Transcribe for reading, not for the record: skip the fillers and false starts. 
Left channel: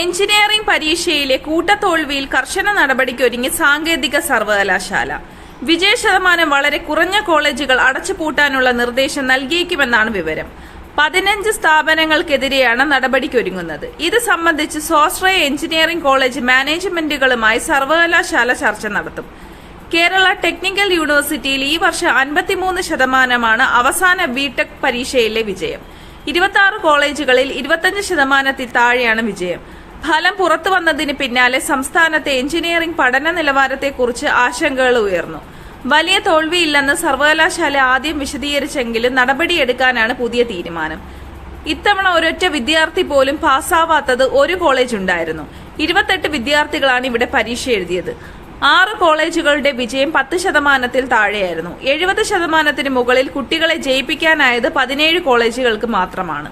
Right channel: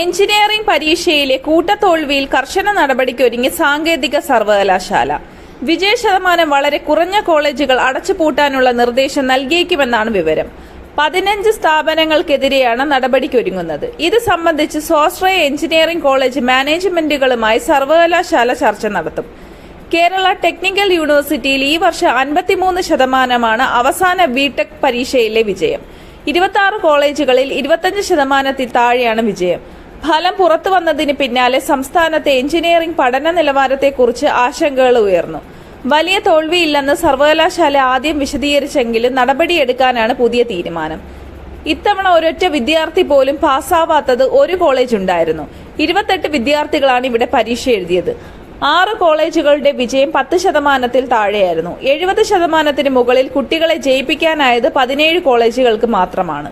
Engineering പരീക്ഷയിലെ കൂട്ടത്തോൽവിയിൽ കർശന നടപടിക്കൊരുങ്ങി സാങ്കേതിക സർവകലാശാല. വിജയശതമാനം വളരെ കുറഞ്ഞ കോളേജുകൾ അടച്ചുപൂട്ടാനുള്ള നിർദ്ദേശം നൽകിയേക്കുമെന്നാണ് വിവരം. 15 സ്ഥാപനങ്ങൾക്കെതിരെയാണ് നടപടിക്കൊരുങ്ങുന്നത്. ഇത് സംബന്ധിച്ച് സ്വാശ്രയ എഞ്ചിനീയറിംഗ് കോളേജ് മാനേജ്മെന്റുകളുമായി സർവകലാശാല ചർച്ച നടത്തും. കേരള ടെക്നിക്കൽ യൂണിവേഴ്സിറ്റിയിൽ ഈ വർഷം 53% അവസാന ബിടെക് പരീക്ഷയിലെ വിജയം. 26 കോളേജുകളിൽ 25% താഴെയാണ് വിജയം. ഫലം പുറത്തുവന്നതിന് പിന്നാലെ സംസ്ഥാനത്തെ എഞ്ചിനീയറിംഗ് പഠന നിലവാരത്തെക്കുറിച്ച് ആശങ്കകൾ ഉയർന്നു. വലിയ തോൽവിയില്ലെന്ന് സർവകലാശാല ആദ്യം വിശദീകരിച്ചെങ്കിലും നടപടിയെടുക്കാനാണ് പുതിയ തീരുമാനം. ഇത്തവണ ഒരൊറ്റ വിദ്യാർത്ഥി പോലും പാസ്സാവാത്തത് ഒരു കോളേജ് ഉണ്ടായിരുന്നു. 28 വിദ്യാർത്ഥികളാണ് ഇവിടെ പരീക്ഷ എഴുതിയത്. 6 കോളേജുകളുടെ വിജയം 10% താഴെയായിരുന്നു. 70% മുകളിൽ കുട്ടികളെ ജയിപ്പിക്കാനായത് 17 കോളേജുകൾക്ക് മാത്രമാണ്.